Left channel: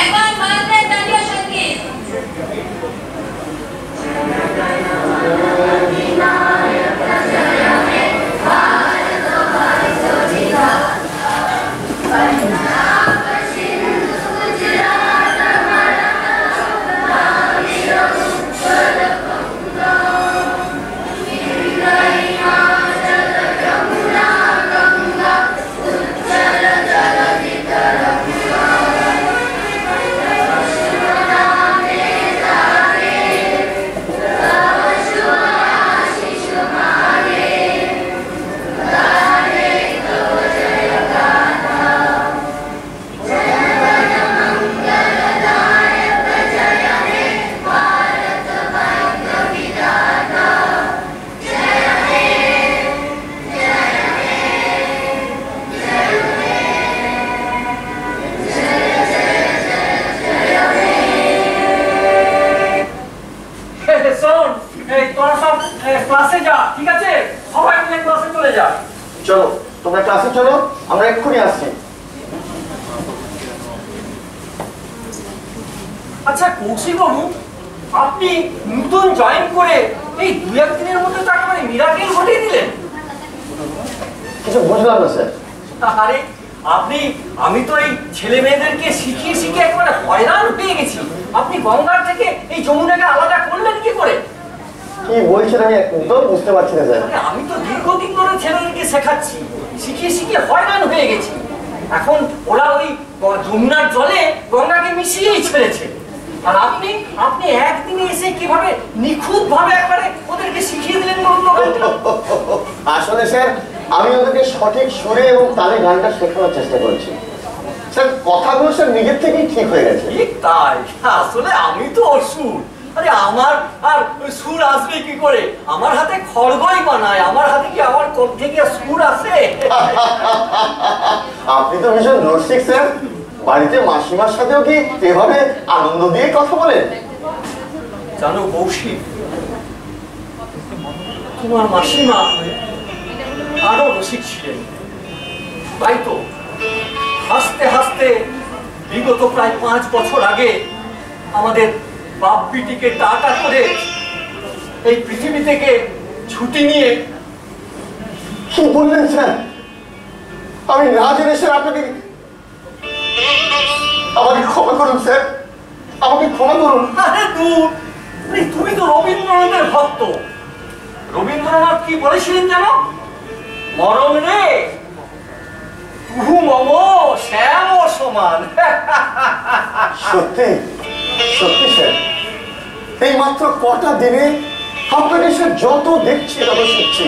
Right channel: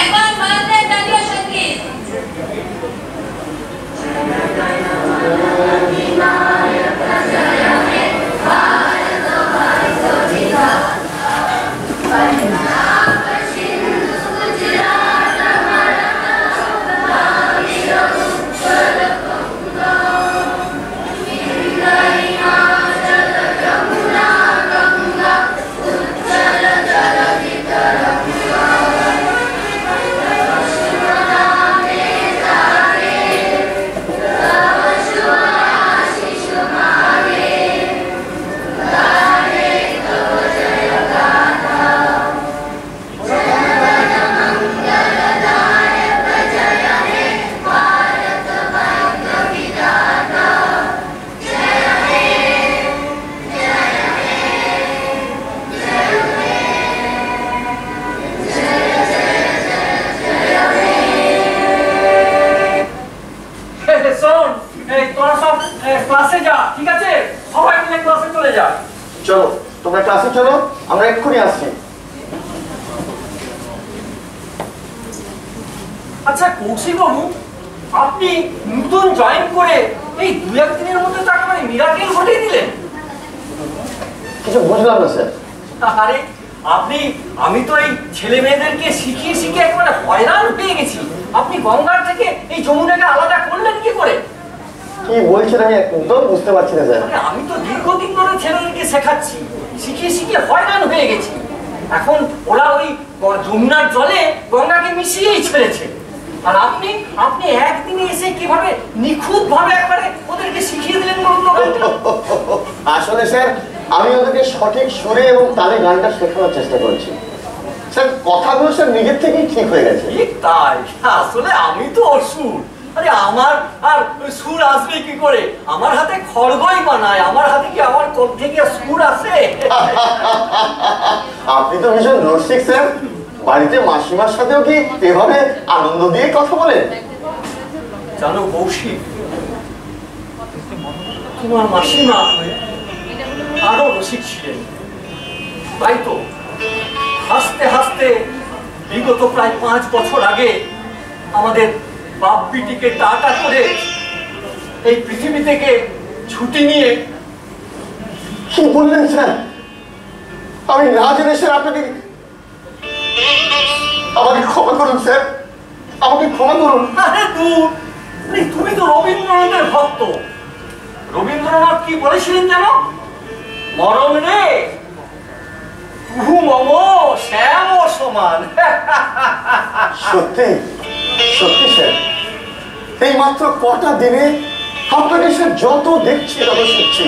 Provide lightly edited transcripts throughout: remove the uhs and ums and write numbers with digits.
একবার মায়ের দাঁড়িয়ে সঙ্গীত ক্লাসে যা, ঠিক আছে? সবাই মিলে ক্লাসে চলে যা। চলো তোমরা ক্লাসে চলো, আমরা এক্ষুনি আসছি। আচ্ছা কৌশিক বাবু, আপনি নতুন জয়েন করে এই 2-1 দিনের মধ্যে তো একেবারে মিরাকেল ঘটিয়ে দিলেন। কিছু বুঝলাম না স্যার। আরে আমি তো এই ছেলে মেয়েদেরকে শিখিয়ে শিখিয়ে একেবারে হয়রান হয়ে গেছি। আপনি গঙ্গার থেকে এই যমুনাকে আলাদা করলেন কি করে? কি বলছেন আমি একদম বুঝতে পারছি না স্যার। আমি তো দীর্ঘদিন ধরে ছেলেদেরকে শেখাচ্ছি, শিখিয়ে শিখিয়ে হয়রান হয়ে গেছি। এখন ওরা ওই যমুনার জলে গঙ্গাকে মিশিয়েই ছেড়েছে। আর আপনি একদিনে এসে কিভাবে নিখুঁত ভাবে একবারে ওদেরকে শিখিয়ে দিলেন বলুন তো? আসলে স্যার আমি ওদেরকে সঠিক সুরে এবং তালে গানটা শেখানোর চেষ্টা করছি স্যার। কথাগুলো স্যার নিজের থেকেই ঠিক হয়ে গেছে। ঠিক তাই, আসলে আমি তো অসুর। আরে আমার আর সুর আসবে কি করে? আমার হাতে খড়গই বানায়, আমার হাতে কি আমার কণ্ঠে কি সুর আসে? আপনি তো ভীষণ রসিক স্যার। বাড়িতে মাসিমার সাথেও কি এভাবে আনন্দ দিয়ে কথা বলেন? জানো কৌশিক, তোমার মাসিমা আরো রসিক ছিলেন। তাই তো হাসতে হাসতে বিগত প্রায় 5 বছর আগে আমাদের বাপ বিটিকে টাটা করে এই পৃথিবী থেকে ছুটি নিয়ে। কি বললেন স্যার? আমি না জেনে স্যার আপনাকে আমাকে ক্ষমা করুন স্যার, আমাকে ক্ষমা করুন। আরে তুমি তো রবীন্দ্রনাথের ভক্ত। রবীন্দ্রনাথ কি বলেছিলেন জানো? মরণ রে তুহু মম শ্যাম সমান। সত্যি সত্যি স্যার, এই মাত্র কটা দিনে আপনাকে স্যার যত দেখছি তত শিখছি।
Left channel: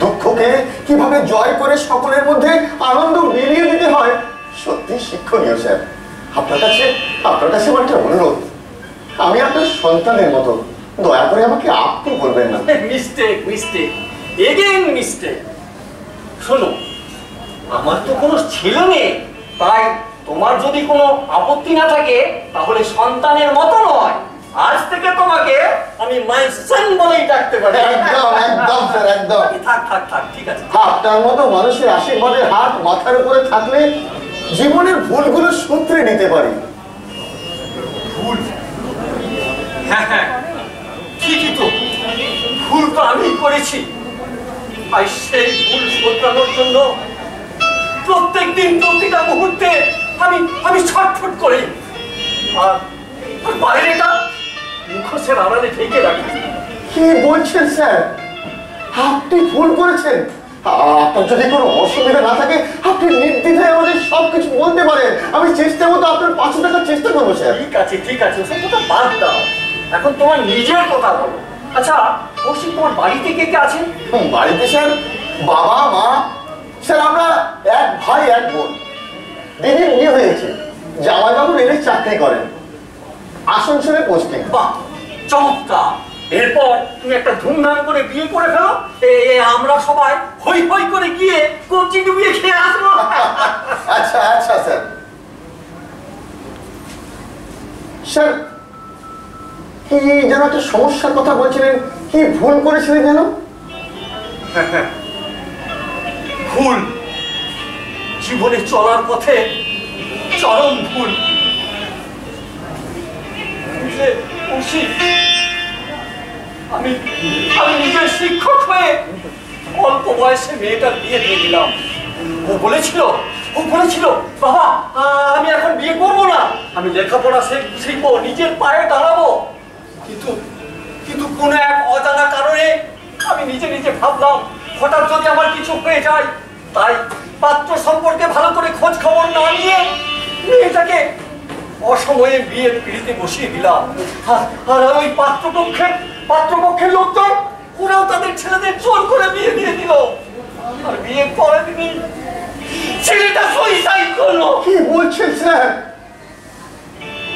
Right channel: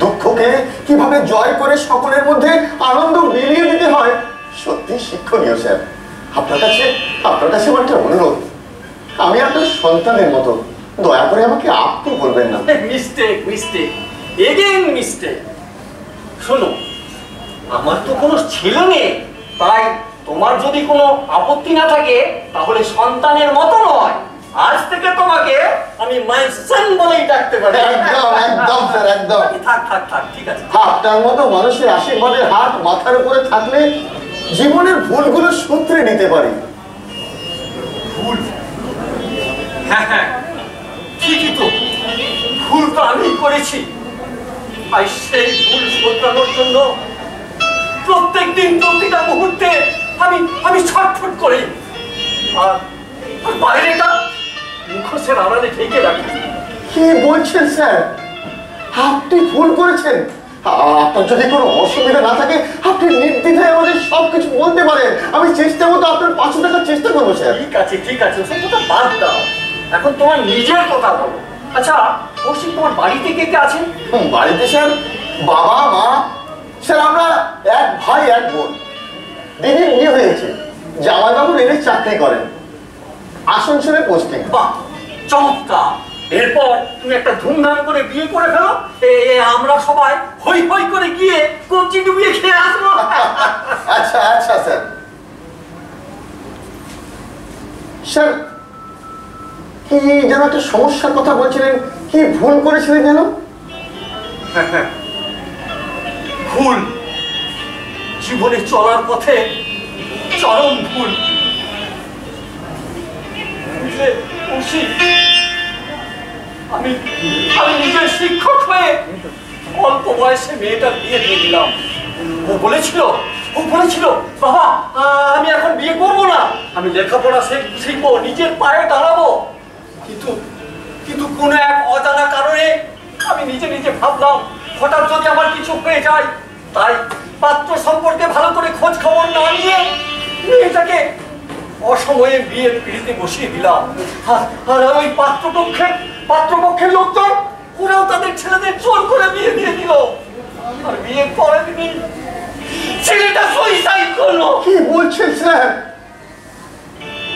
দুঃখকে কিভাবে জয় করে সকলের মধ্যে আনন্দ মিলিয়ে দিতে হয়, সত্যি শিক্ষণীয় স্যার। আপনার কাছে আমার একটা অনুরোধ, আমি আপনার সন্তানের মতো, দয়া করে আমাকে আপনি বলবেন না। Mistake again mistake. শোনো, আমার তো কোনো ছেলে নেই, তাই তোমার যদি কোনো আপত্তি না থাকে তাহলে সন্তানের মতো নয়, আজ থেকে তোমাকে আমি মাই সন বলেই ডাকতে পারি। একদম স্যার, একদম। থাক ঠিক আছে। আপনার মতো মানুষের আশীর্বাদের হাত মাথার উপরে থাকলে জীবনের ভুলগুলো শুধরে নিতে পারি। ভুল? হ্যাঁ ঠিকই তো, ভুল তো আমি করেছি। আর সেই ভুল শোধরানোর জন্য প্রত্যেকদিন প্রতিটা মুহূর্তে আমি ছটফট করি। আর বাইরেটা মুখোশের আড়ালে ঢেকে রাখি। কি বলছেন স্যার? আপনি ভুল করেছেন। আপনার যদি কোনো অসুবিধা না থাকে আপনি নির্দ্বিধায় আমাদের সবকিছু বলতে পারেন। আমি চেষ্টা মতো আপনার পাশে থাকার চেষ্টা করবো স্যার। ঠিক আছে ওসব কথা বাদ দাও, এখন তোমার নিজের কথা বলো। আচ্ছা কৌশিক, তোমার বাড়িতে কে কে আছেন? বাড়িতে স্যার বাবা মা, স্যার আমরা এক ভাই এক বোন। দিদির বিয়ে হয়েছে, জামাইবাবু রেলে চাকরি করেন, আসানসোলে পোস্টিং। বাহ, চমৎকার। এরপর তুমি একটা ধুমধাম করে বিয়ে করে ফেলো, আমরা সবাই হই হই করে গিয়ে কবজি ডুবিয়ে খেয়ে আসবো। আচ্ছা স্যার। স্যার কি যেন একটা সমস্যার কথা বলছিলেন, কি ভুল করেছিলেন যেন? ভুল, জীবনে চলার পথে চরম ভুল। বুঝলে কৌশিক, আমি আমি নিজের শিক্ষক হয়ে অল্প বয়সে মেয়েটার বিয়ে দিয়ে দিলাম। ও বলেছিল বাবা আমি এখন বিয়ে করবো না, আমি লেখাপড়া শিখবো, নিজের পায়ে দাঁড়াবো। কিন্তু কোনো এক অজানা কারণে আমি নিজে নিজে ভাবলাম হঠাৎ যদি আমার কিছু হয়ে যায়, তাই পাত্র সম্পর্কে ভালো করে খোঁজ খবর না নিয়ে মেয়েটাকে অসময়ে বিয়ের পিড়িতে বসিয়ে দিলাম। আর ওই পাত্রপক্ষের লোকজন ওরাও তাদের ছেলেদের জোর করে বিয়ে দিয়ে দিল। আর বিয়ের পরের দিনই ছেলেটা সুইসাইড করলো। কি বলছেন স্যার?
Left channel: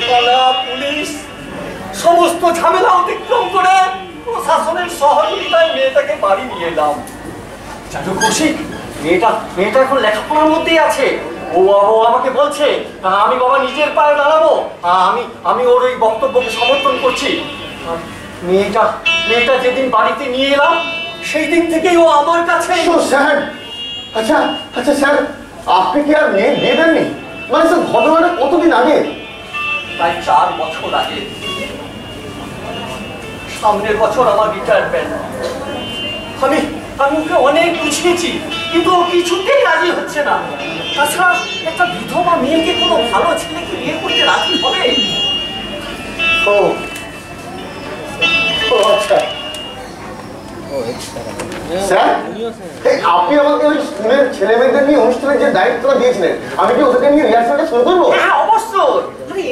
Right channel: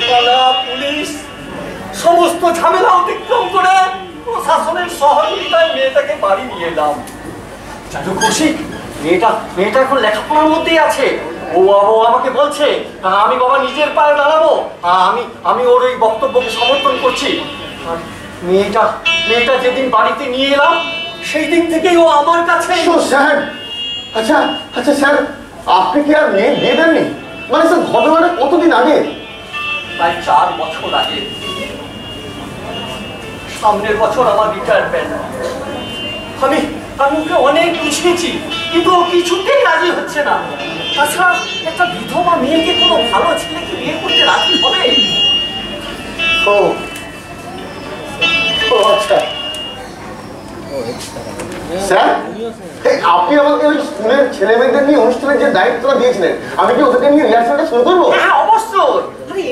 থানা, পুলিশ সমস্ত ঝামেলা অতিক্রম করে প্রশাসনের সহযোগিতায় মেয়েটাকে বাড়ি নিয়ে এলাম। জানো কৌশিক, মেয়েটা এখন লেখাপড়ার মধ্যেই আছে। ও আমাকে বলছে আমি বাবা নিজের পায়ে দাঁড়াবো। আমি ওর ওই বক্তব্যকে সমর্থন করছি। আর মেয়েটা যেদিন বাড়িতে নিয়ে এলাম সেই দিন থেকেই ও আমার কাছে। স্যার আচ্ছা স্যার, আপনি কি আর মেয়ে বিয়ে দেননি? মানে স্যার ঘটনাটা কতদিন আগে? প্রায় 4 বছর আগে। সামনের বছর আমার রিটায়ারমেন্ট। আমি ওকে অনেক বুঝিয়েছি, কিন্তু ও কিছুতেই রাজি হচ্ছে না। তাছাড়া একটা বিধবা মেয়েকে কোনো ভালো ছেলেকে বিয়ে করতে রাজি হবে? আচ্ছা স্যার, আপনি আমাকে ওই স্কুলের ছেলে মেয়েদের নিয়ে অনুষ্ঠানের যে দায়িত্বটা দিয়েছিলেন, আমি কি ওদেরকে নিয়ে রিহার্সালটা শুরু করবো? হ্যাঁ অবশ্যই।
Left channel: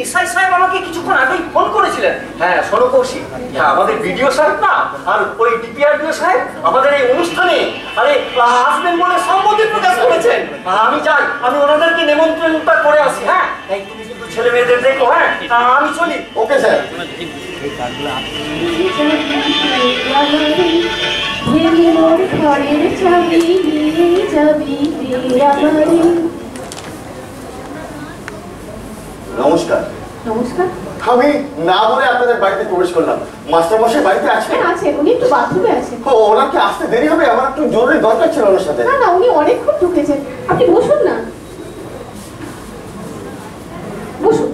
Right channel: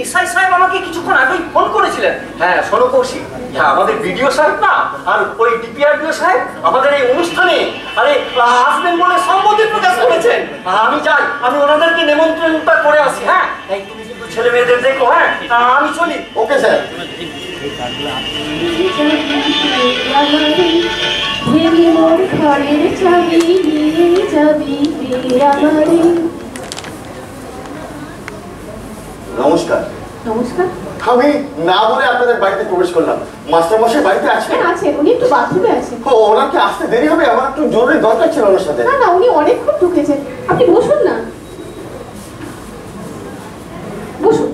এসআই সাহেব আমাকে কিছুক্ষণ আগেই ফোন করেছিলেন। হ্যাঁ শোনো কৌশিক, আমাদের বিডিও সাহেব না আর ওই ডিপিআরডিও সাহেব আমাদের এই অনুষ্ঠানে আসবেন বলে সম্মতি প্রকাশ করেছেন। আমি যাই, আমি ওনাদেরকে নিমন্ত্রণটা করে আসি। হ্যাঁ তুমি কিন্তু ছেলে মেয়েদের দেখো। হ্যাঁ আমি চলি। Okay sir. নমস্কার। নমস্কার। আমি না বলে আপনাদের বাড়িতে প্রবেশ করলাম। মাস্টারমশাই বাড়িতে আছেন? হ্যাঁ আছেন, উনি একটু বাথরুমে আছেন। ওনার কি আসতে দেরি হবে? আমার একটু জরুরি দরকার ছিল ওনার সাথে। না উনি অনেকক্ষণ ঢুকেছেন, আপনি বসুন না। বসুন।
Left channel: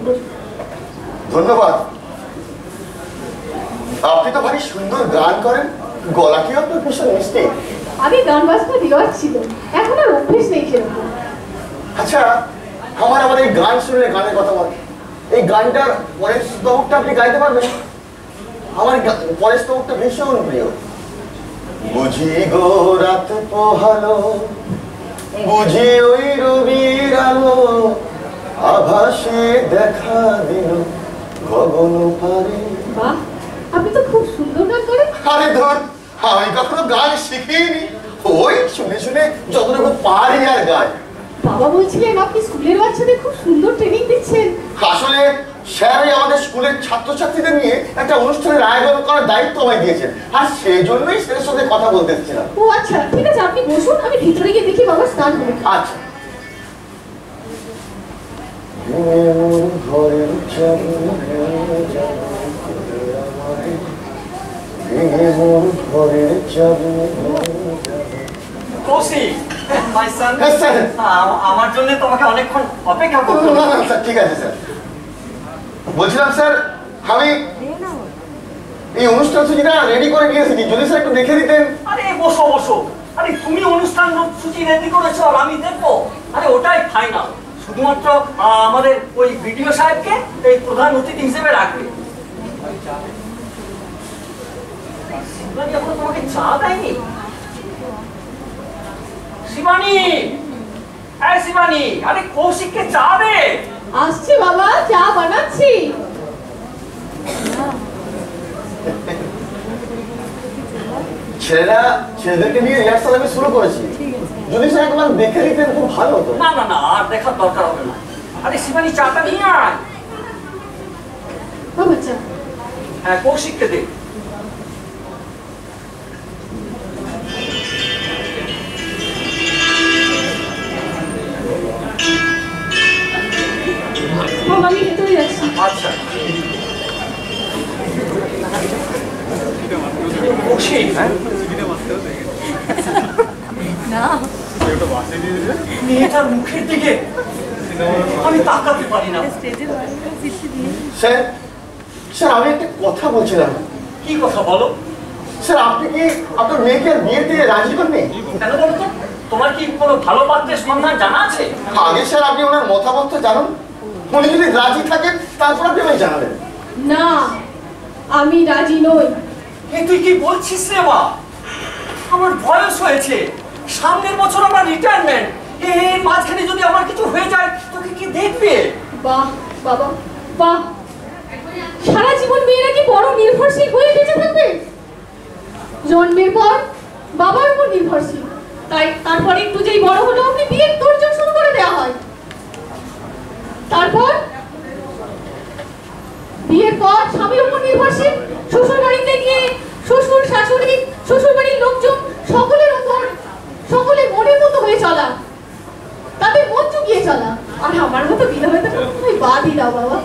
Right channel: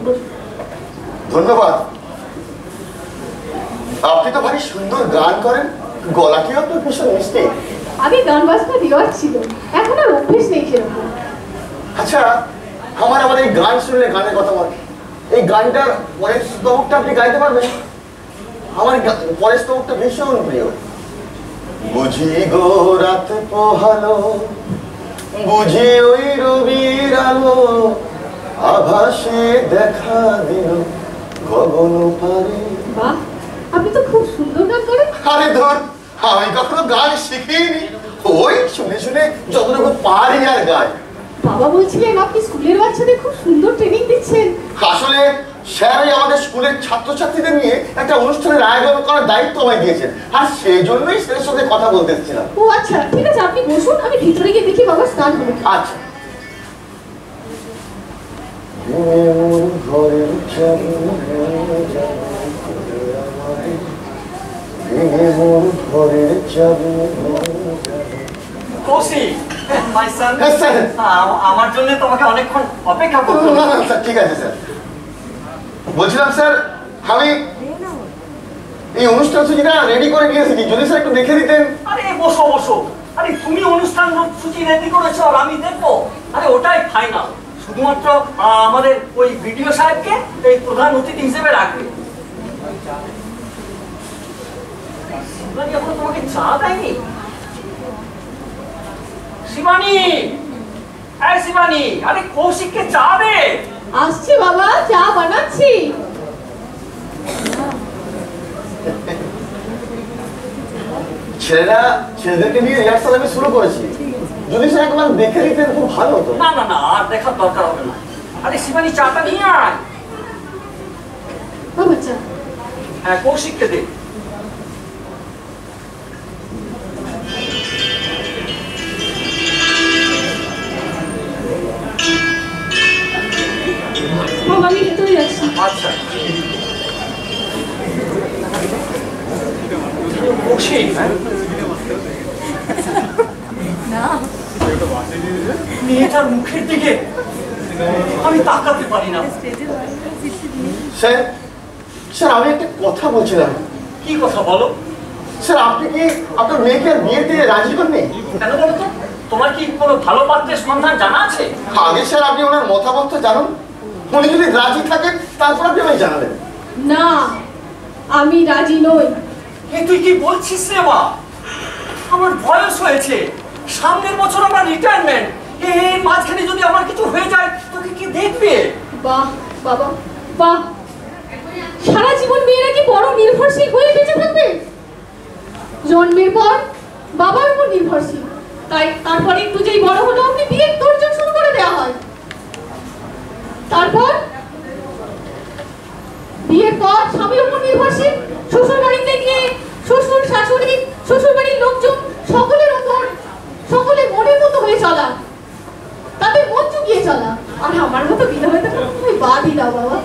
ধন্যবাদ। আপনি তো ভারী সুন্দর গান করেন, গলাটিও আপনার ভীষণ মিষ্টি। আগে গান বাজনা রেওয়াজ ছিল, এখন আর অভ্যেস নেই সেরকম। আচ্ছা আমার এই গান শুনলে গানের কথা বলে, এই গানটার পরের স্তবকটা আপনি গাইতে পারবেন? আমার পরের স্তবকটা ভীষণ প্রিয়। বুঝি গো রাত পোহালো, বুঝি ওই রবির আলো, আভাসে দেখা দিল গগন পারে। বাহ, আপনি তো খুব সুন্দর গান করেন। আরে ধর, আমি কখনো গান শিখিনি, ওই শুনে শুনে যতটুকু পারি আর গাই। বাবা বলছিলেন আপনি স্কুলের বাচ্চাদের খুব সুন্দর ট্রেনিং দিচ্ছেন। আসলে স্যারই আমাদের স্কুলের ছাত্রছাত্রীদের নিয়ে একটা অনুষ্ঠানের আয়োজন করার দায়িত্ব আমায় দিয়েছেন, আর সেই জন্যই স্যারের সাথে কথা বলতে এসেছিলাম। ও আচ্ছা ঠিক আছে, আপনি বসুন, আমি ভিতরে গিয়ে দেখি বাবা স্নান হবে। আচ্ছা। কৌশিক, my son, হ্যাঁ স্যার। আমার জন্য তোমাকে অনেকক্ষণ অপেক্ষা করতে না না স্যার, ঠিক আছে স্যার। বলছিলাম স্যার, আমি এই অনুষ্ঠান সূচিটা রেডি করে নিয়ে এসেছি, যদি স্যার একটু দেখে দিতেন। আরে বসো। আরে তুমি অনুষ্ঠান সূচি রেডি করেছো আর আমি দেখবো? আরে ওটাই ফাইনাল। শুধুমাত্র আমাদের ওই ভিডিও সাহেবকে এই প্রধান অতিথি হিসেবে রাখবে। শিবানী এখন তোমাকে চা দেয়নি? শিবানী, এই শিবানী, আরে কৌশিককে চা দে। আসছে বাবা, চা বানাচ্ছি। ছেলেদেরকে নিয়ে রিহার্সাল আমি শুরু করেছি, যদি স্যার একবার দেখে দিতেন খুব ভালো হতো। না আর দেখার দরকার হবে না। আরে শিবানী চাটা নিয়ে আয়। বাবা চা। হ্যাঁ কৌশিককে দে। বাবা আমি ভেতরে যাচ্ছি। আচ্ছা কৌশিক, না মেয়েটার মুখের দিকে আমি তাকাতে পারি না। স্যার স্যার আমি একটা কথা বলছিলাম। কি কথা বলো? স্যার আপনি কি আপনার মেয়েকে আর বিয়ে দিয়ে রাজি করবেন? কেন বলো তো? তোমার কি কোনো ভালো পাত্রের সন্ধান জানা আছে? আগে স্যার আপনি ওনার মতামত জানুন, উনি যদি রাজি থাকেন তারপর আপনি আমায় জানাবেন। না, আমি রাজি নই। তুই কি বলছিস রে মা? আমার বয়স হয়েছে, সামনের বছর আমার রিটায়ারমেন্ট। এই মাঝখানে যদি আমার কিছু হয়ে যায় তোকে কি দেখবে? বাহ বাবা বাহ, সারা জীবন মেয়েরা কি বড় নির্ভরশীল হয়ে বেঁচে থাকবে? জন্মের পর বাবার উপর নির্ভরশীল, তাই তারপরে একটু যেই বড় হলো আপনি বিয়ের তোড়জোড় শুরু করে দেওয়া হয়। তারপর বিয়ের পর স্বামীর উপর নির্ভরশীল, শ্বশুর বাড়িতে গিয়ে শ্বশুর শাশুড়ি শ্বশুর বাড়ির লোকজন সকলের উপর সকলে মনের মতো হয়ে চলা, তাদের মন চুকিয়ে চলা। আর আমার মতো বিধবাতে তুমি বাদই দাও বাবা।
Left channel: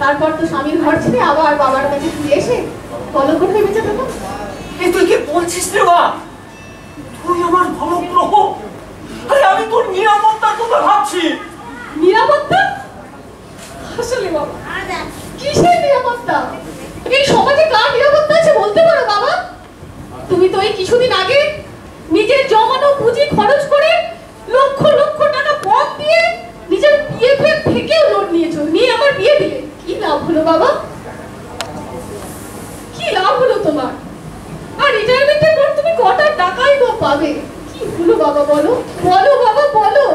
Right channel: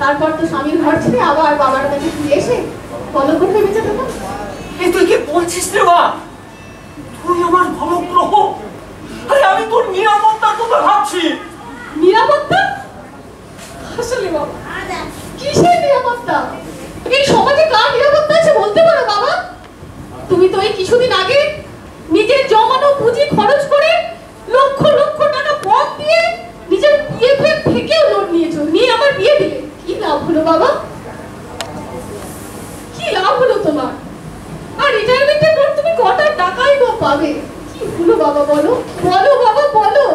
তারপর তো স্বামীর ঘর ছেড়ে আবার বাবার কাছে ফিরে এসে বলো করে বেঁচে থাকো। তুই কি বলছিস রে মা? তুই আমার ভালো গ্রহ, আরে আমি তোর নিরাপত্তার কথা ভাবছি। নিরাপত্তা? আসলে বাবা কিসের নিরাপত্তা? এই সমাজে কার নিরাপত্তা আছে বলতে পারো বাবা? তুমি তো এই কিছুদিন আগে নিজের জমানো পুঁজি খরচ করে লক্ষ লক্ষ টাকা পথ দিয়ে নিজের বিএফএ থেকেও লোন নিয়েছো, নিয়ে আমার বিয়ে দিলে। কি লাভ হলো বাবা? কি লাভ হলো তোমার? আর রিটায়ারমেন্টের পর তুমি কটা টাকাই বা পাবে? কি হলো বাবা বলো, বলো বাবা বলো।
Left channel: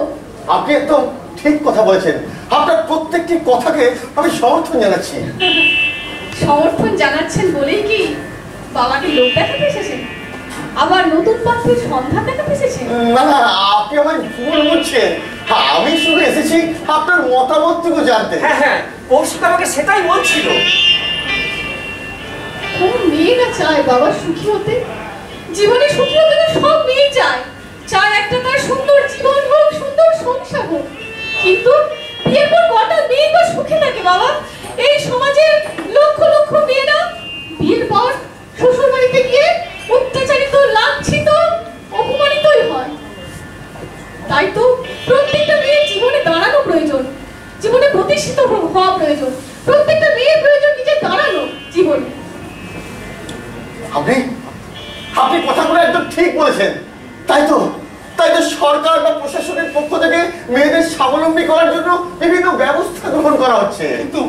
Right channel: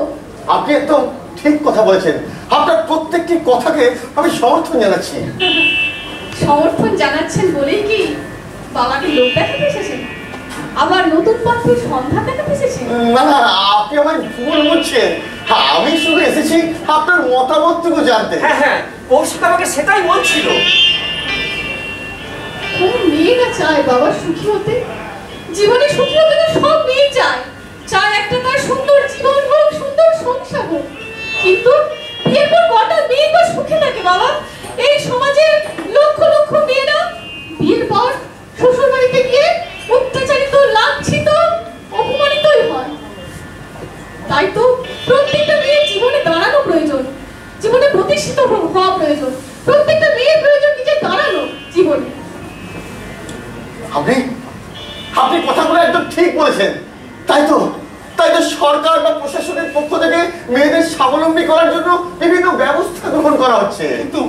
আপনি একদম ঠিক কথা বলেছেন, আপনার প্রত্যেকটি কথাকে আমি সমর্থন জানাচ্ছি। সমর্থন জানাচ্ছেন বলেই কি বাবাকে লোক দেখাতে এসেছেন? আবার নতুন পাত্রের সন্ধান দেখাতে এসেছেন? না না, আপনি আমায় ভুল বুঝছেন। আমি শুধু এসেছি আপনার মতামতটুকু জানতে। হ্যাঁ হ্যাঁ, কৌশিক আমাকে সেটাই বলছিল। কোন মেয়ে না চায় বাবা সুখী হতে? জীবনে সুখী হতে তো সব মেয়ে চায়, চায় একটা তার সুন্দর জীবন হোক, সুন্দর সংসার হোক। কিন্তু বিয়ের পর কটা মেয়ে বা সুখে থাকে বাবা? এই সমাজের লক্ষ লক্ষ মেয়েরা বিয়ের পর শ্বশুর বাড়িতে গিয়ে অত্যাচারিত, লাঞ্ছিত, অপমানিতই হয়। তাই তো প্রত্যেকটা মেয়ের জীবনে দাঁড়ানো প্রয়োজন, জীবনে প্রতিষ্ঠিত হওয়া প্রয়োজন। প্রত্যেকটা মেয়ের প্রয়োজন নিজে দাঁড়ানো জীবনে। আপনি আপনি কথাগুলো একদম ঠিক বলেছেন। তাই তো সরকার বা প্রশাসনের পক্ষ থেকে মেয়েদের স্বাবলম্বী করার জন্য বিভিন্ন ব্যবস্থা গ্রহণ করা হচ্ছে। কিন্তু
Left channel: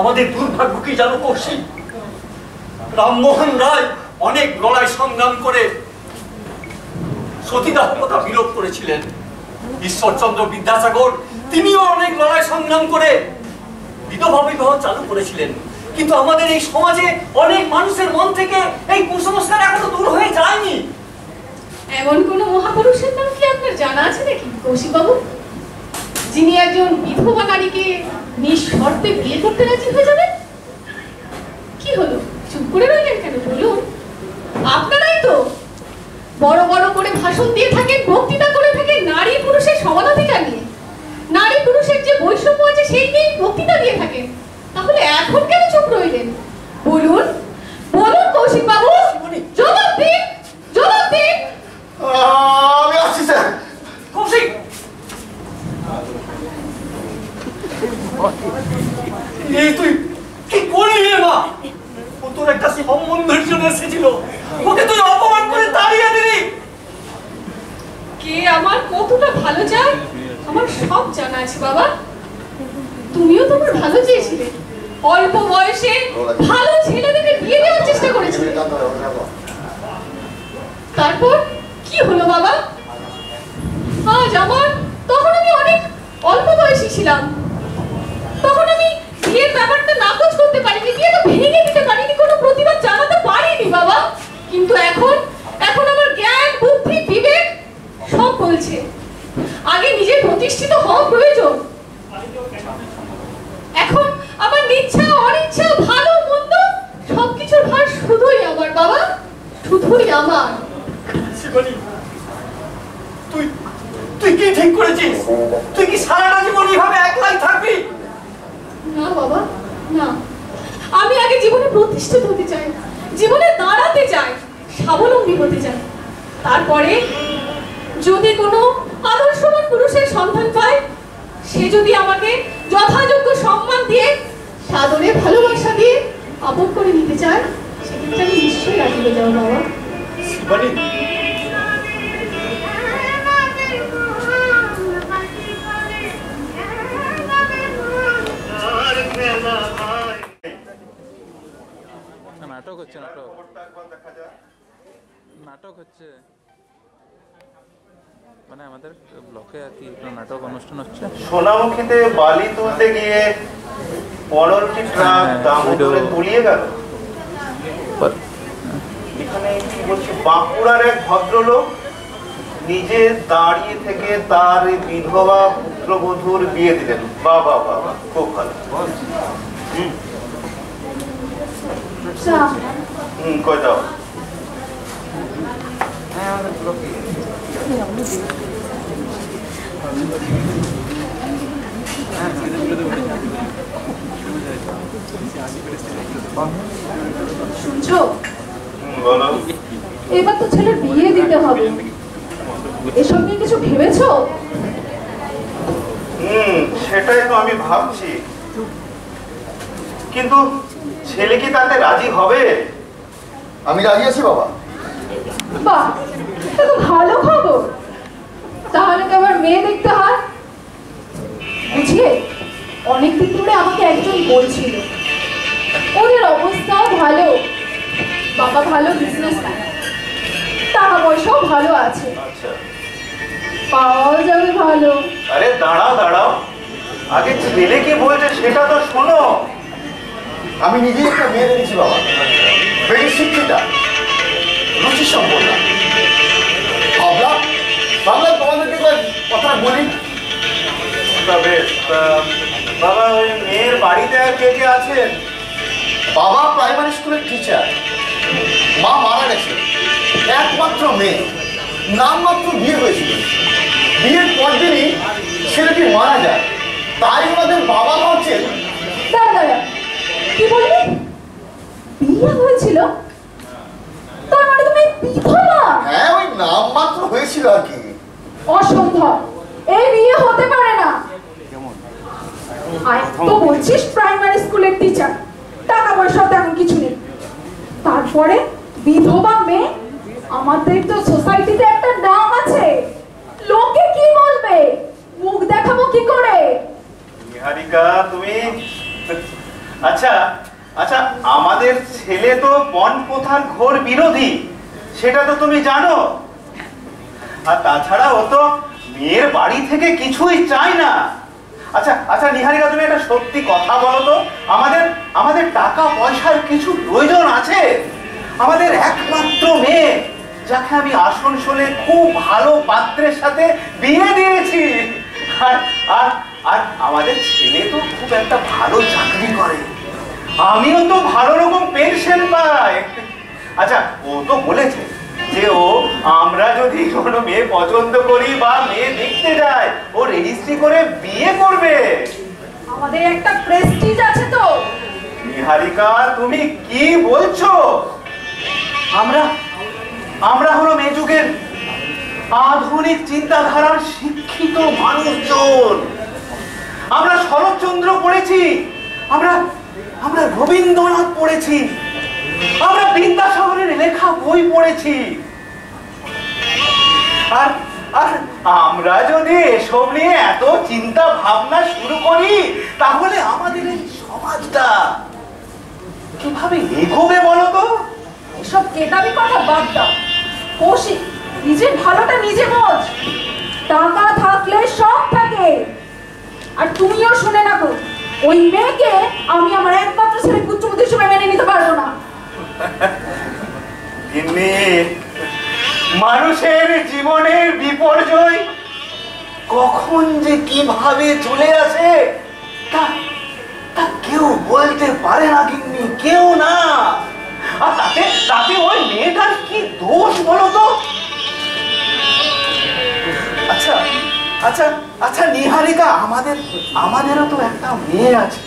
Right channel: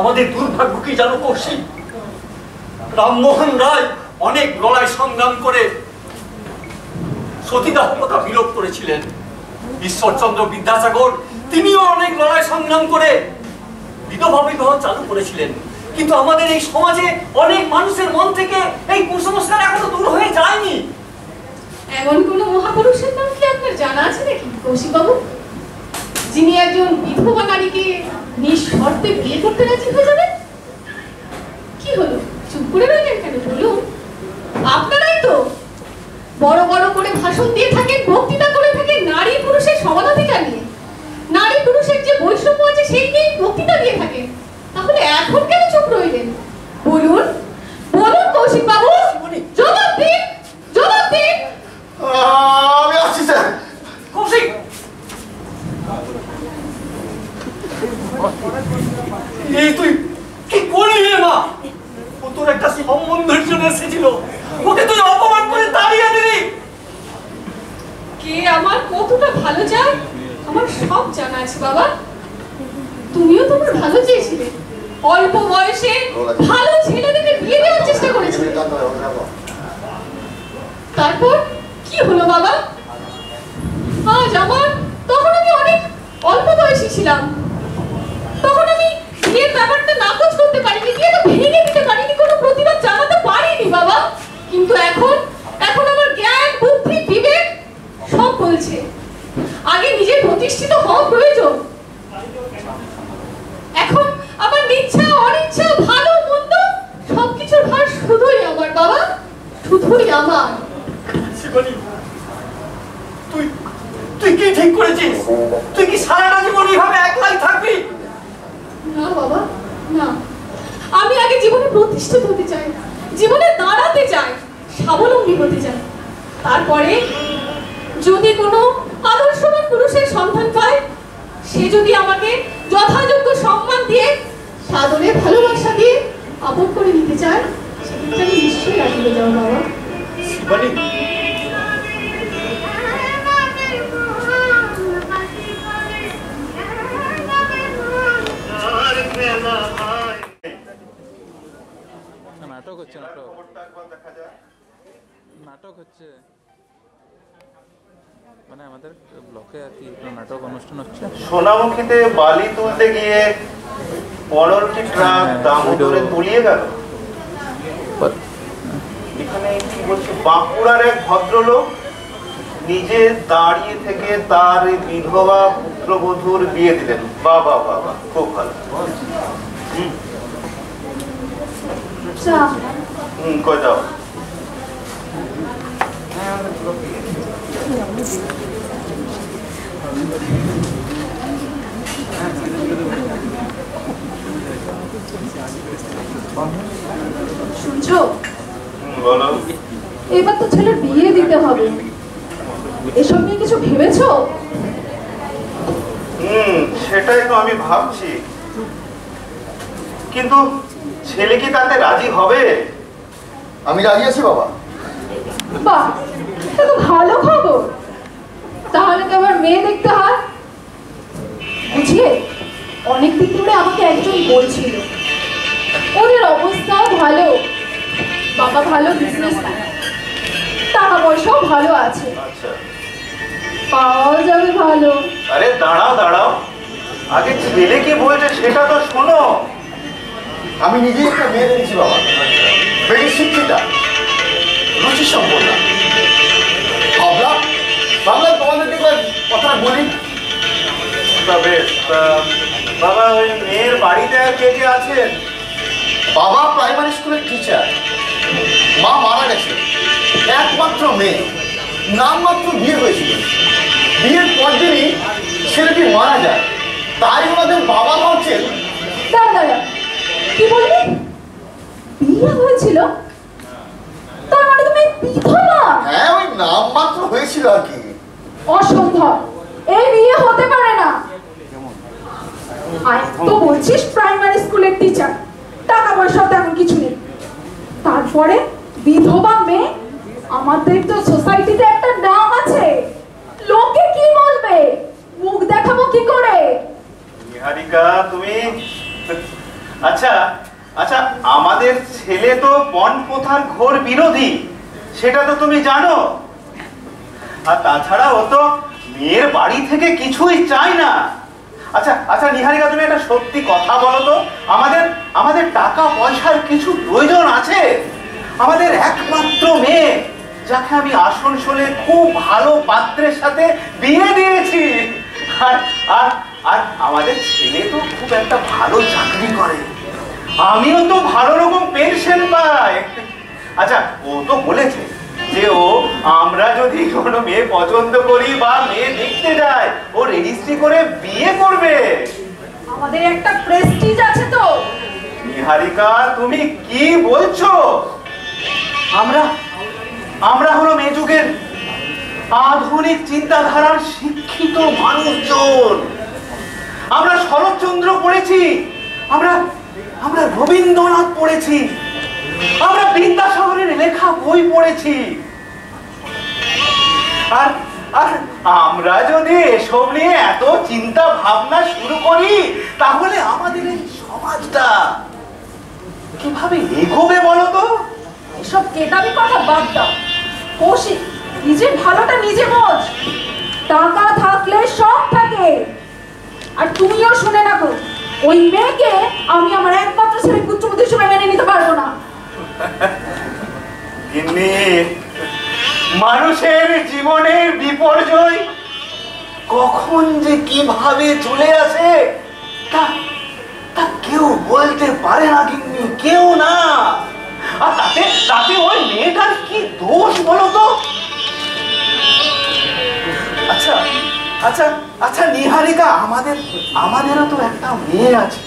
আমাদের দুর্ভাগ্য কি জানো কৌশিক? রামমোহন রায় অনেক লড়াই সংগ্রাম করে সতীদাহ প্রথা বিলোপ করেছিলেন। ঈশ্বরচন্দ্র বিদ্যাসাগর তিনিও অনেক লড়াই সংগ্রাম করে বিধবা বিবাহ চালু করেছিলেন। কিন্তু আমাদের এই সমাজে অনেক মানুষের মন থেকে এই কুসংস্কার এখনো দূর হয়ে যায়নি। এমন কোন মহাপুরুষের নাম কি আপনার জানা আছে নাকি কৌশিক বাবু, যিনি একজন বিধবা নারীকে নিঃশর্তে বিয়ে করতে রাজি হয়ে যাবেন? কি হলো, চুপ করে রইলেন কেন? বলুন। আপনারাই তো বড় বড় করে ভাষণ দিয়ে থাকেন, বক্তৃতা করে থাকেন নারী পুরুষের সমানাধিকার নিয়ে, নারী পুরুষের যে বৈষম্য আছে সেই নিয়ে বক্তৃতা দিয়ে থাকেন। তাহলে এখন কেন চুপ রইলেন? বলুন বলুন কৌশিক বাবু, জবাব দিন, জবাব দিন। আমি আসছি স্যার। কৌশিক, এই তুই কি করলি রে মা? ও তোর একটা সম্বন্ধের জন্য এসেছিল, ওকে তুই অপমান করে তাড়িয়ে দিলি। কে আমার কতটা ভালো চায় আমার সব জানা আছে বাবা। তুমিও তোমার ভালো চেয়েছিলে, অল্প বয়সে ভালো ছেলেদেরকে বিয়ে দেওয়ার চেষ্টা করেছিলে। তারপর কি হলো বাবা? আজ আমার, তখন আমি অনেক অল্প বয়সী ছিলাম, তখন আমি বিয়ের ব্যাপারটা নাকচ করতে পারিনি, বিয়েটা ভেঙে দিতে পারিনি, কোনো প্রতিবাদ জানাতে পারিনি বাবা। কিন্তু এখন আমার জ্ঞান, বুদ্ধি, বিবেক সব বলছে আগে নিজে প্রতিষ্ঠিত হওয়া প্রয়োজন। এখন আমার ইচ্ছা অনিচ্ছা, ভালো মন্দ সবকিছুর ভার শুধুই আমার বাবা, শুধুই আমার। তুই তুই কি ঠিক করেছিস? তুই কি সারাটা জীবন এইভাবে একলাই থাকবি? না বাবা না, আমি আগে জীবনে প্রতিষ্ঠিত হতে চাই, জীবনে দাঁড়াতে চাই, স্বাবলম্বী হতে চাই। তারপরে যদি কোনো আদর্শবান পুরুষের সন্ধান পায়, সে যদি আমাকে যথাযোগ্য সম্মান দিয়ে সাদরে ভালোবাসা দিয়ে আপন করে নিতে চায়, সেক্ষেত্রে আমি নিশ্চয়ই রাজি হয়ে যাবো বাবা। শিবানী, নাটক হচ্ছে, নাটক হচ্ছে মানে আমাদের ব্লকে আর কি নাটক অনুষ্ঠান হচ্ছে। সোনামুখীতে বালি তুলতে গিয়ে 15টি ট্রাক দামোদরে তলিয়ে গেল। এখানে কি বলছি, বাঁকুড়ার এক ভদ্রলোক নিজে দাঁড়িয়ে থেকে তার বিধবা পুত্রবধূর বিয়ে দিলেন। বাবা বাবা, খুব ভালো। কই যাও। শুনছো? বলো। এবার তো ছেলের বিয়ে দিতে হবে, এসব নিয়ে কিছু ভেবেছো? সেটাই তো আমি ভাবছি, কিন্তু ছেলে কি তাতে রাজি হবে? আমি রাজি আছি বাবা। বাহ, এটা তো ভালো খবর। তাহলে তো আবার মেয়ে দেখতে হয়। বুঝলে, অনেকদিন ধরে আমাকে একজন বলছিল ওদের অবস্থাও ভালো, বাবা ভালো বিজনেসম্যান, টাকা পয়সাও ভালো আছে, আচ্ছা, পাওয়াও যাবে ভালো। আরে দাঁড়াও দাঁড়াও, আগে ছেলে কি বলছে সেটা তো শোনো। আমি নিজেই একটা মেয়ে দেখেছি বাবা, বেশি শিক্ষিতা, রুচি সম্পন্ন। ভাবলাম তোমাদেরকে কথাটা বলি। তবে বাবা, ওই মেয়ের বাড়িতে আর কে কে আছেন? বাবা প্রাইমারি স্কুলের টিচার, মা মারা গেছে, একমাত্র মেয়ে, নামমাত্র বিয়ে হয়েছিল। বিয়ের পর দিনই ছেলেটি মারা যায়, তাই ওনাদের বাবা ভাবছেন। দাঁড়া, কি বললি? বিয়ে হয়েছিল? তার মানে তুমি বিধবা? হ্যাঁ, ওই নামমাত্র হয়েছিল আর কি। অসম্ভব, এই বিয়ে হতে পারে না। আর তো বলছিস প্রাইমারি স্কুলের টিচার, টাকা পয়সা তেমন কিছু নেই, তারপরে বিধবা মেয়ে। আমাদের তো সোসাইটিতে একটা নাম আছে, লোকে কি বলবে, মুখ দেখাবো কি করে? নিহারিকা, তুমি আচ্ছা আচ্ছা, আমাদের ছেলে তো পণ প্রথার ঘোর বিরোধী, সেটা তো তুমি জানো। আর তাছাড়া ও তো মেয়ের বাড়ি থেকে কিছুই চায় না। আচ্ছা আচ্ছা নিহারিকা, তুমি একটা সত্যি কথা বলো তো, আমাদের টাকা পয়সার কিছু প্রয়োজন আছে? আমাদের একমাত্র মেয়ে, যাকে আমি আসানসোলে খুব ভালো পাত্রের সাথে বিয়ে দিয়েছি, আর আর আর আমাদের ছেলে তো খুব একটা ভালো চাকরি করে, আমিও তো ভালো রকম পেনশন পাই। আচ্ছা, ও তো বলেছে যে আমরা যদি কোনো মেয়ে পছন্দ করি বা মেয়ে দেখতে যাই, ও রেজিস্ট্রি করে বিয়ে করবে। আমাদের একটা প্রেস্টিজ আছে তো। নিহারিকা, তুমি কি বলছো? আমরা হলো এই যুগের আধুনিক চিন্তাধারার শিক্ষিত মানুষজন। আমরা শরৎচন্দ্র পড়েছি, আমরা রবীন্দ্রনাথ পড়েছি, আমরা বিদ্যাসাগরের লেখা বই পড়েছি। আর আর আমরা যদি এসব নিয়ে এত চিন্তা ভাবনা শুরু করি, তাহলে আমাদের এই সমাজটা কিভাবে এগোবে বলো তো? এসব কেতাবি কথা বাদ দাও, কৌশিক, নিজের ভালোটা নিজে বোঝ। টাকা থাকলে সব থাকে। আর তুমিও শুনে রাখো, ওই মেয়েকে আমি আমার একমাত্র ছেলে পুত্রবধূ হিসেবে মেনে নিতে পারবো না। মানুষের জীবনের বিপর্যয় কখন যে কিভাবে চলে আসে তা কেউ বলতে পারে না, গিন্নি, কেউ না। আর তাতে ওই মেয়েটার কি দোষ বলো তো? আচ্ছা আচ্ছা আচ্ছা নিহারিকা, আমাদেরও তো একটা মেয়ে আছে।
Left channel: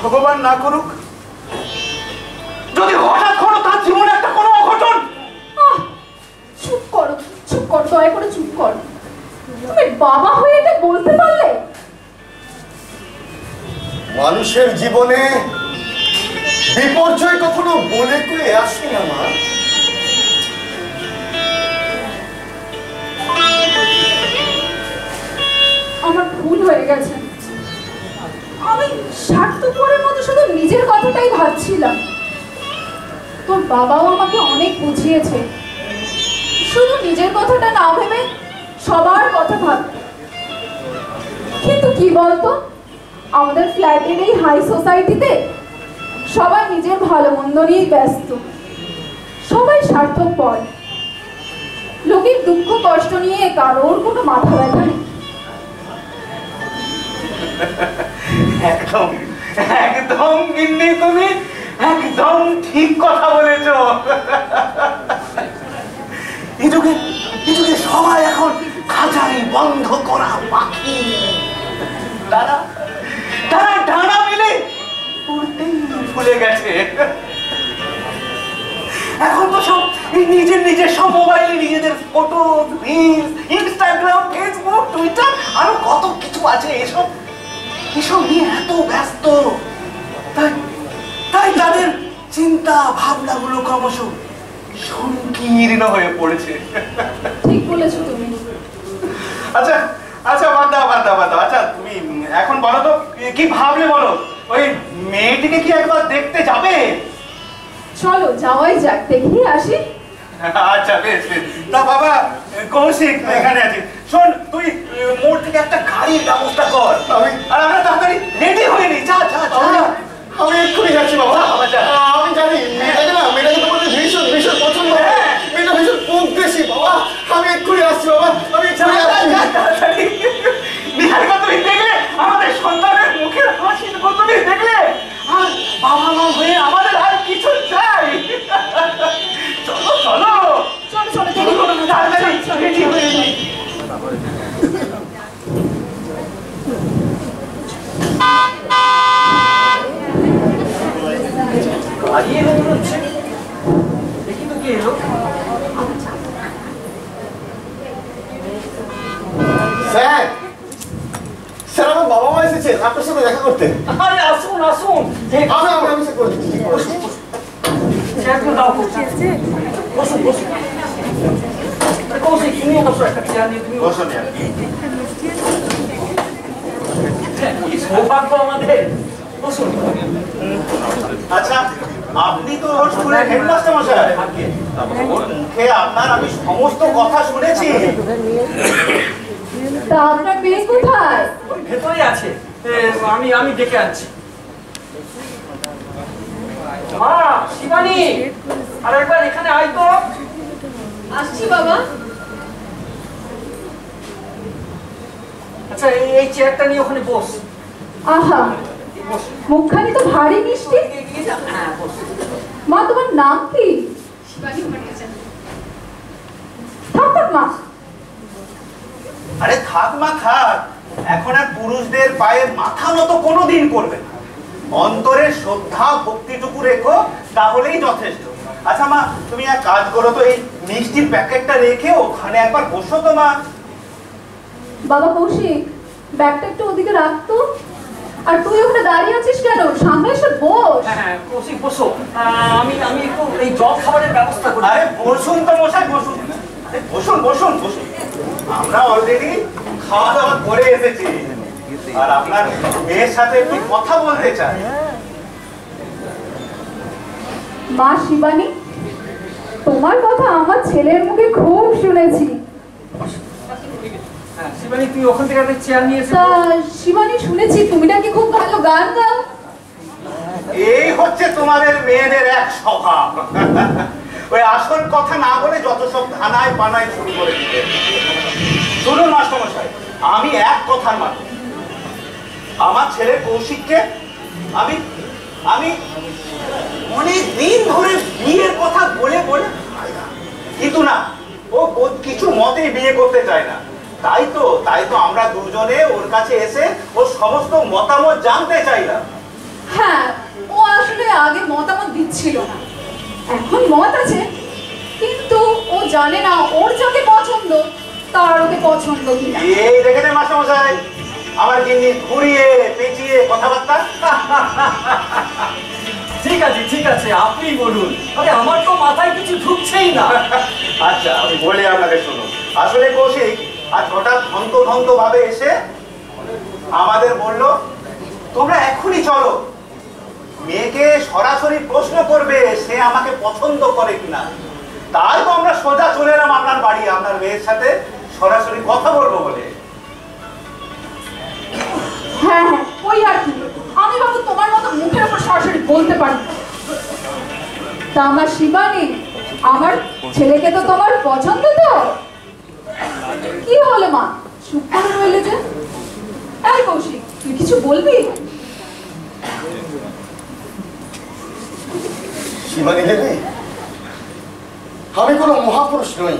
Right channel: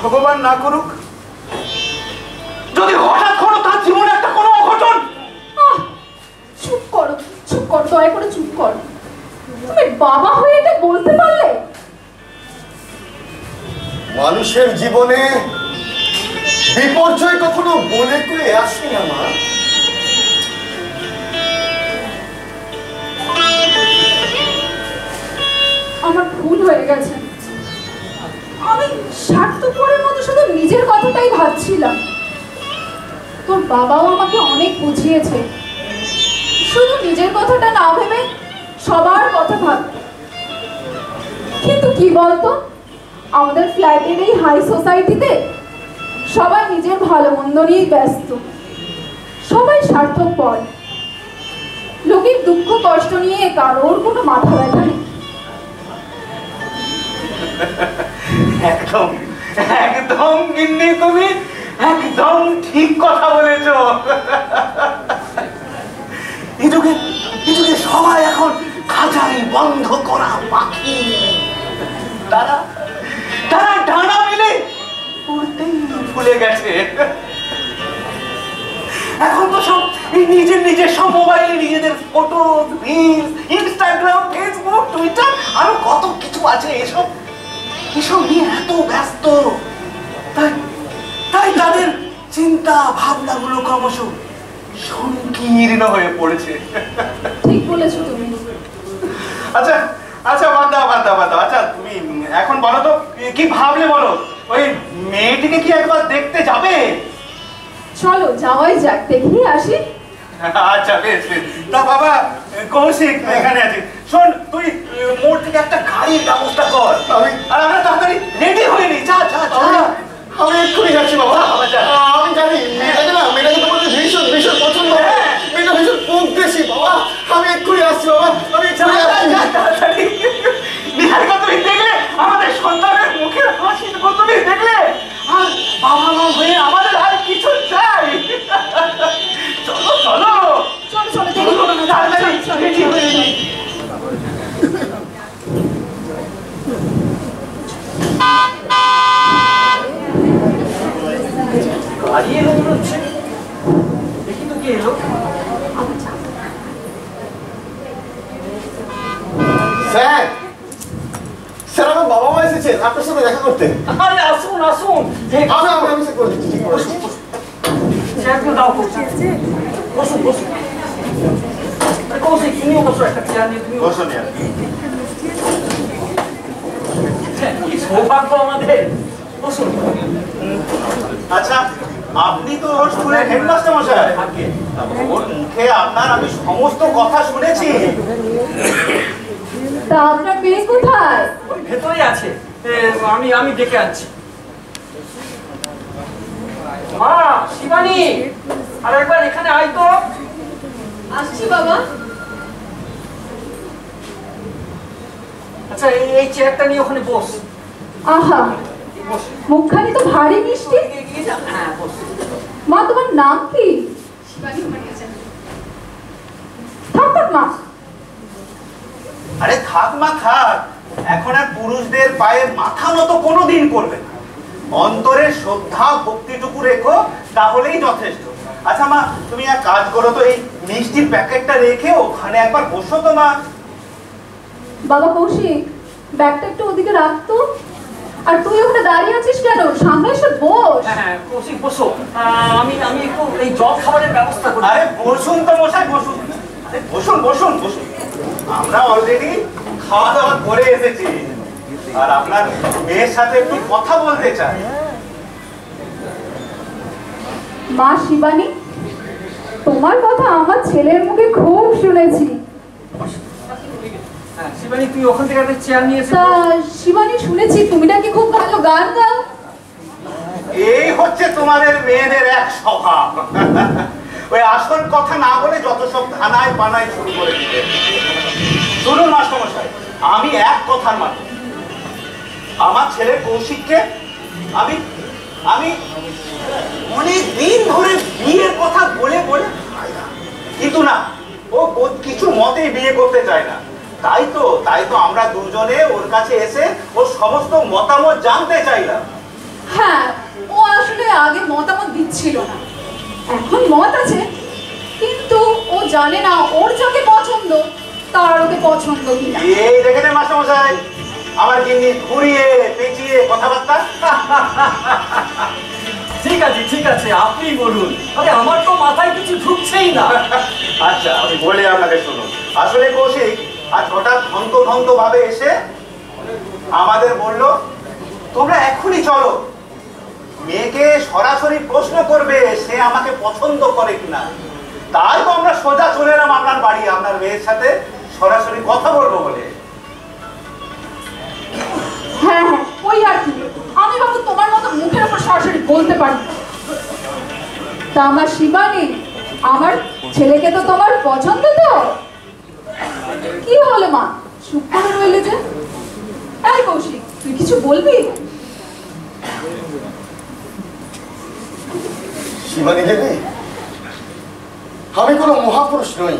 ভগবান না করুক যদি হঠাৎ কোনো তার জীবনে একটা কোনো অঘটন। মানুষের জীবনে বিপর্যয় কখনো বলে কয়ে আসে না মা। আমার ভুল হয়ে গেছে। আমি স্বার্থপরের মতো শুধু নিজের কথাটাই ভাবছিলাম। তোর বাবাও আমাকে অনেক বুঝিয়েছে, শুধু নিজের কথাটা না ভেবে সবার কথা ভাবতে। কিন্তু কি বলতো, আমাদের ফ্ল্যাটের এই হাই সোসাইটিতে সবাই নিজের ভালো মন্দ নিয়েই ব্যস্ত, সবাই স্বার্থপর। লোকের দুঃখ কষ্ট নিয়ে কারোর কোনো মাথা ব্যথা নেই। একদম একদম গিন্নি, তুমি একদম ঠিক কথা বলেছো। এই যুগে সবাই এখন খাঁচাই বন্ধ করা পাখি। তারা ডানা মেলে উড়তেই ভুলে গেছে। এখন তো সব নিজের সব মোবাইলে নিজেদের photo, reels, Instagram, Facebook, Twitter আরো কত কিছু আছে। এসব নিয়ে এত ব্যস্ত, তাই তাদের চিন্তা ভাবনাগুলো ক্রমশ সংকীর্ণ হয়ে পড়েছে। ঠিক বলেছো তুমি। আচ্ছা আচ্ছা, বাদ দাও। আচ্ছা তুমি এখন বলো তো, কি ভাবলে বলো? ওই মেয়েটিকে কি একবার দেখতে যাবে? চলো যাওয়াই যাক, দেখিয়ে আসি। আচ্ছা বেশ। তা বাবা কৌশিক এখানে আছে, শোন তুই মোড় থেকে একটা গাড়ির ব্যবস্থা কর। আর আমরা তাড়াতাড়ি রেডি হয়ে নি। যা। আমি এক্ষুনি যাচ্ছি বাবা। আমি জানি মেয়েটাকে তোমার ভীষণ পছন্দ, মেয়েটা ভীষণ পদ্মেশী বাবা। আমি এক্ষুনি আসছি বাবা, আমি এক্ষুনি আসছি। নিহারিকা, তুমি দেখলে আমাদের সন্তানের মুখের হাসি, তুমি দেখলে আর বাবা মা হয়ে আমাদের আর কিছু চাই। চলো দেরি করো না, তাড়াতাড়ি রেডি হয়ে নি। গাড়ি এলো মনে হচ্ছে, দেখি তো কি এলো। স্যার, আমার বাবা মা এসেছেন আপনার সাথে দেখা করতে। আরে আসুন। আমি সে করে দিচ্ছি। চেয়ারগুলো দাও, বসুন। কৌশিক তুমিও বসো, একটা চেয়ার নিয়ে তুমি বসো নিয়ে। কি সৌভাগ্য আমাদের, বসুন। আচ্ছা, আপনি তো ওর স্কুলের হেডমাস্টার মশাই। ওর মুখে আপনার আমি সমস্ত কথা শুনেছি। তা আপনার মেয়ে কোথায়? ওই ভেতরে আছে, আমি ডেকে আনছি। মা শিবানী, আর একবার এখানে আয় তো। আসছি বাবা। আচ্ছা এই চেয়ারটা নিয়ে ওখানে বস। আহা, মুখখানি তো ভারী মিষ্টি। হ্যাঁ বস। মা তোমার নাম কি? শিবানী ভট্টাচার্য। থাক মা। আরে থাক মা থাক, এখন আর পুরুষদের পায়ে মাথা নত কোনোদিন করবে না। অন্তরে শ্রদ্ধা ভক্তিটুকু রেখো, তাহলেই যথেষ্ট। আচ্ছা মা, তুমি এক কাজ করো তো, এই মিষ্টির প্যাকেটটা রেখে ওখানে একবার বসো তো মা। বাবা কৌশিক, ব্যাগটা একটু ওদিকে রাখতো। আর তুই ওখানে দাঁড়িয়ে আছিস কেন? সামনে এসে বস। হ্যাঁ কৌশিক বসো, আমি একটু এই জল খাবারের ব্যবস্থা করি। আরে বসুন তো মশাই, বসুন। আরে বসুন। আমরা অলরেডি খাওয়া দাওয়া করে এসেছি, আর আপনার মেয়ের সাথে একটু কথা বলতে চাই। মা শিবানী, তোমার কথা আমার ছেলের মুখে খুব শুনেছি। শিবানী তুই ওখান থেকে একটা চেয়ার নিয়ে এসে তা শিবানী, শুনেছি তুমি নাকি খুব ভালো গান গাও। এই হচ্ছে তোমাদের মেয়েদের এক স্বভাব। ওই আসল কথা না বলে যত সব ধানায় পানায় শুরু করে দিতে। শুনুন মাস্টারমশাই, আমি এক কথার মানুষ। আমার ছেলে কৌশিককে আমি অনেক দিন ধরে বিয়ের কথা বলে কিন্তু না, ও কিছু মতেই বিয়ে করতে চায় না। তাই তো আমরা দুজনে ওর কাছে এসে ওর সমস্ত মতামত জানতে চাইলাম। হ্যাঁ, ও আসলে আগে মতামত দিচ্ছিল না, এখন মত আছে, কিন্তু ও জানে না ওর যাকে পছন্দ তার ওকে পছন্দ কিনা। এই দেখে নেন মাস্টারমশাই, আমার গিন্নি ঘুরিয়ে পেঁচিয়ে কথাবার্তা? ঠিক আছে আপনি বলুন। আরে আমার তো মাথায় কিছু ঢুকছেই না। আচ্ছা আমি বলে আপনাকে শুনুন। আসলে কৌশিক আজ হঠাৎ ধন্ত ভাবে এসে আমাদের বলল তোমরা এক্ষুনি চলো, মেয়েকে সরাসরি প্রশ্ন করবে সে আমাকে পছন্দ করে কিনা। তাই তো আমরা সোজা চলে এলাম আপনার বাড়ি, আপনার মেয়ের সাথে সরাসরি কথা বলবো বলে। হ্যাঁ ওই আর কি, আমি বাবু তোমার মতো মুখের উপর সরাসরি বলতে পারি। তা আমার শিবানী, আমার ছেলেকে তো তোমার পছন্দ তো? কি হলো মা, চুপ করে রইলে যে? এই কৌশিক, তুই কিছু বলবি? শিবানী দেবী, আমি কোনো মহাপুরুষ নই।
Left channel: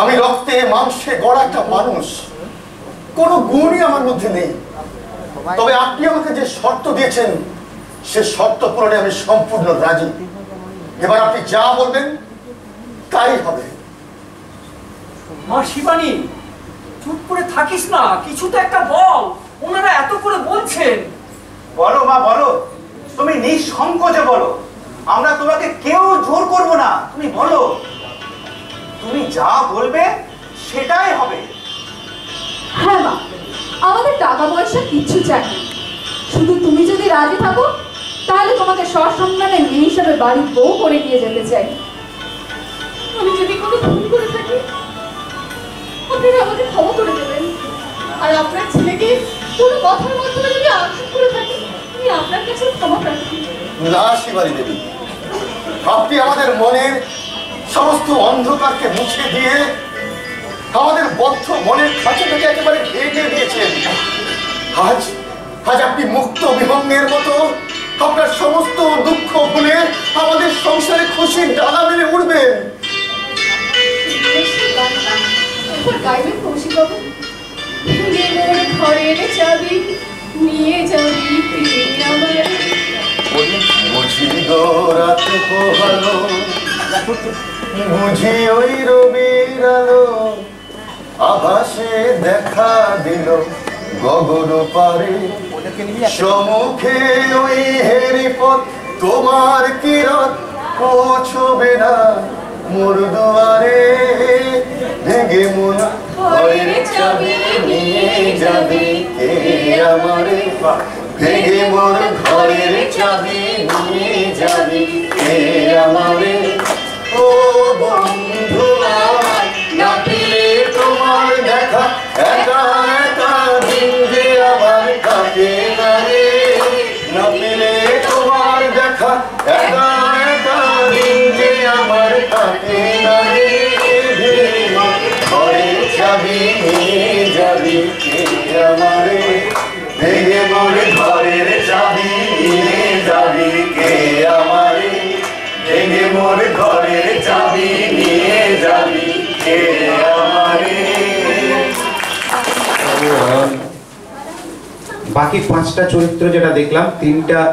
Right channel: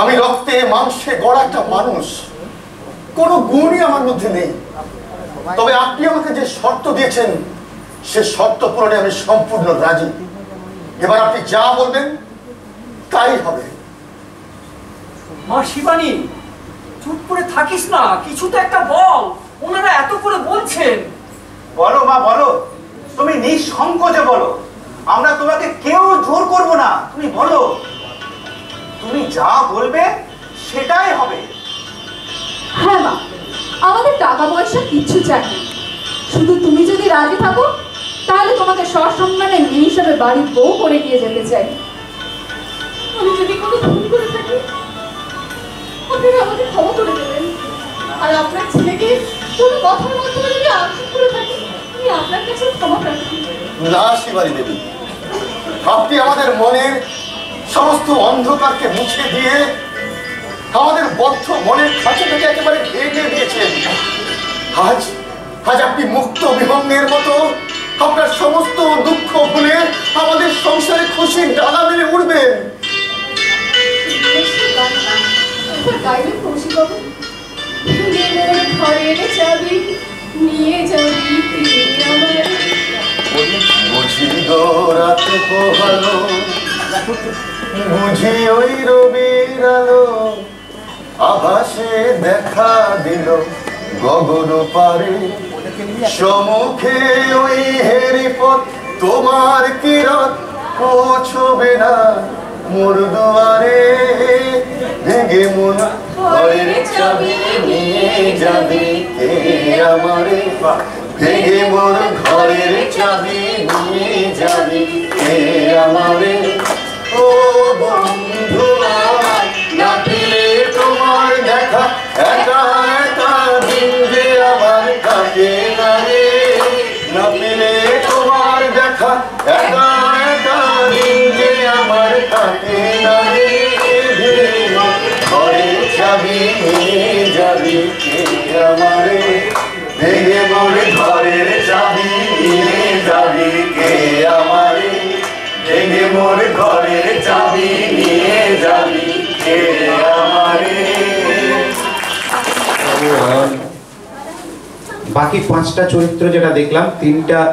আমি রক্তে মাংসে গড়া একটা মানুষ, কোনো গুণই আমার মধ্যে নেই। তবে আপনি আমাকে যে শর্ত দিয়েছেন সে শর্ত পূরণে আমি সম্পূর্ণ রাজি। এবার আপনি যা বলবেন তাই হবে। মা শিবানী, চুপ করে থাকিস না, কিছু তো একটা বল। ওনারা এত করে বলছেন। বলো মা বলো, তুমি নিঃসংকোচে বলো, আমরা তোমাকে কেউ জোর করব না। তুমি বলো, তুমি যা বলবে সেটাই হবে। হ্যাঁ মা, আমাদের টাকা পয়সা কিচ্ছু চাই না, শুধু তুমি যদি রাজি থাকো তাহলে তোমাকে সসম্মানে মেয়ে হিসাবে বাড়ির বউ করে নিয়ে যেতে চাই। আমি যদি কোনো ভুল করে থাকি আপনারা আমাকে ক্ষমা করে দেবেন, আর আপনার ছেলেকে কোনো কথার মাধ্যমে যদি আঘাত করে থাকি আমি আপনার কাছে ক্ষমা প্রার্থী। না শিবানী দেবী, আপনি আমাদের মনের সমস্ত অন্ধকারকে মুছে দিয়ে আমাদের বদ্ধ মনের খাঁচাটাকে একেবারে ভেঙে দিয়েছেন। আজ আপনি মুক্ত বিহঙ্গের মতো আপনার সমস্ত দুঃখ ভুলে আমাদের সংসারে খুশির ডানা মেলে উঠবেন। গাইবেন কৌশিক বাবু, ঘরের চাবি নিয়ে যাবি আমার। বুঝি গো রাত পোহালো, বুঝি ওই রবির আলো, আভাসে দেখা দিল গগন পারে, সমুখে ওই হেরি পথ তোমার কিরণ পৌঁছবে না মোর দুয়ারে। ভেঙে মন ঘরের চাবি নিয়ে যাবি কে আমারে, ভেঙে মোর ঘরের চাবি নিয়ে যাবি কে আমারে। ও বন্ধু না পেলে তোমার দেখা, একা একা দিন যে আমার কাটে না রে। না পেলে তোমার দেখা, একা একা দিন যে আমার কাটে না রে। ঘরের চাবি নিয়ে যাবি কে আমারে, ভেঙে মোর ঘরের চাবি নিয়ে যাবি কে আমারে, ভেঙে মোর ঘরের চাবি নিয়ে যাবি কে আমারে। বাকি 5টা চরিত্র যেটা দেখলাম,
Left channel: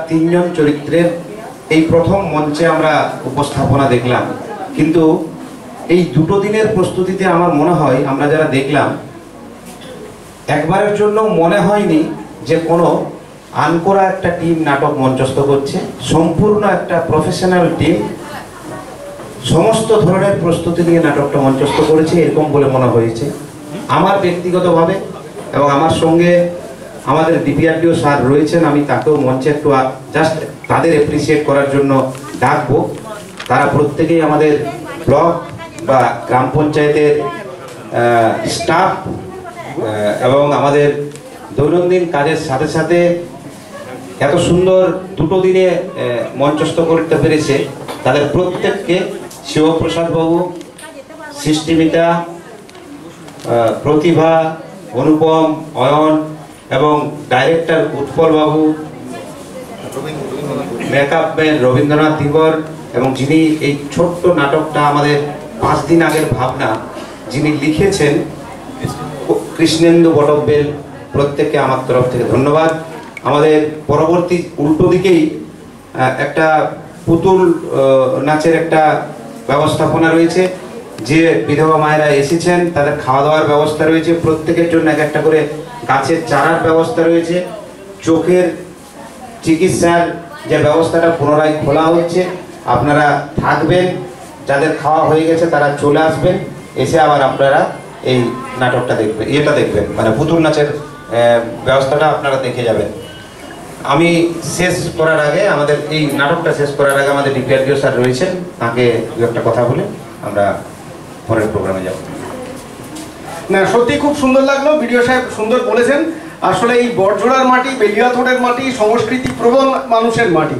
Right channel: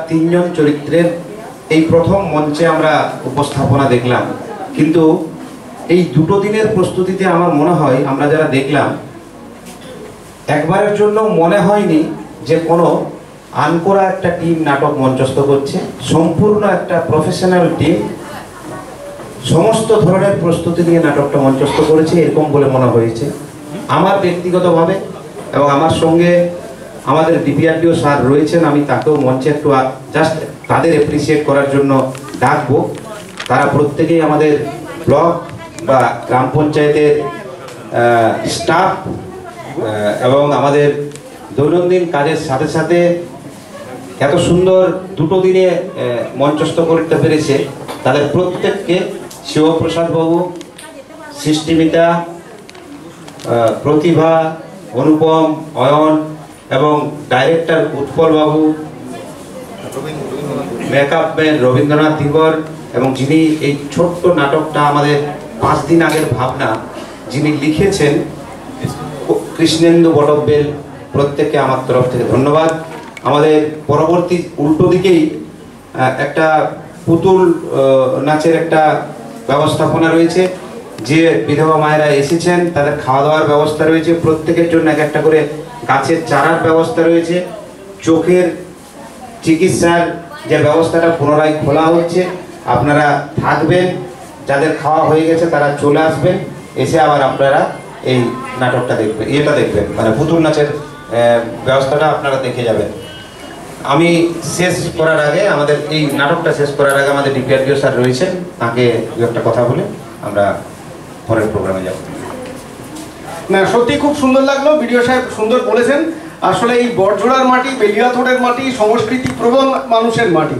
তিনজন চরিত্রের এই প্রথম মঞ্চে আমরা উপস্থাপনা দেখলাম। কিন্তু এই 2 দিনের প্রস্তুতিতে আমার মনে হয় আমরা যারা দেখলাম একবারের জন্য মনে হয়নি যে কোনো আনকোরা একটা টিম নাটক মঞ্চস্থ করছে। সম্পূর্ণ একটা প্রফেশনাল টিম সমস্ত ধরনের প্রস্তুতি নিয়ে নাটকটা মঞ্চস্থ করেছে, এরকম বলে মনে হয়েছে আমার ব্যক্তিগতভাবে। এবং আমার সঙ্গে আমাদের ডিপিআরডিও স্যার রয়েছেন, আমি তাকেও মঞ্চে একটু জাস্ট তাদের অ্যাপ্রিসিয়েট করার জন্য ডাকবো। তারা প্রত্যেকেই আমাদের ব্লক বা গ্রাম পঞ্চায়েতের স্টাফ এবং আমাদের দৈনন্দিন কাজের সাথে সাথে এত সুন্দর 2 দিনে মঞ্চস্থ করতে পেরেছে। তাদের প্রত্যেককে শিবপ্রসাদ বাবু, সৃষ্টিমিতা, প্রতিভা, অনুপম, অয়ন এবং ডাইরেক্টর উৎপল বাবু, মেকআপ ম্যান রবীন্দ্রনাথ ধীবর, এবং যিনি এই ছোট্ট নাটকটা আমাদের 5 দিন আগের ভাবনা যিনি লিখেছেন কৃষ্ণেন্দু বটব্বেল, প্রত্যেককে আমার তরফ থেকে ধন্যবাদ। আমাদের পরবর্তী উল্টো দিকেই একটা পুতুল নাচের একটা ব্যবস্থাপনা রয়েছে। যে বিধবা মায়েরা এসেছেন তাদের খাওয়া দাওয়ার ব্যবস্থা রয়েছে, প্রত্যেকের জন্য এক একটা করে গাছের চারার ব্যবস্থা রয়েছে, চোখের চিকিৎসার যে ব্যবস্থাটা পুনরায় খোলা হচ্ছে। আপনারা থাকবেন, যাদের খাওয়া হয়ে গেছে তারা চলে আসবেন, এসে আবার আপনারা এই নাটকটা দেখবেন, দেখবেন মানে পুতুল নাচের ব্যবস্থাটা আপনারা দেখে যাবেন। আমি শেষ করার আগে, আমাদের এই নাটকটা শেষ করার আগে আমাদের ডিপিআরডিও স্যার রয়েছেন, তাকে দু একটা কথা বলে আমরা পরের প্রোগ্রামে যাব। না, সত্যি খুব সুন্দর লাগলো, বিডিও সাহেব সুন্দর বলেছেন। আসলে এই বড়জোড়ার মাটি, বেলিয়াথোড়ের মাটি সংস্কৃতি প্রবণ মানুষের মাটি।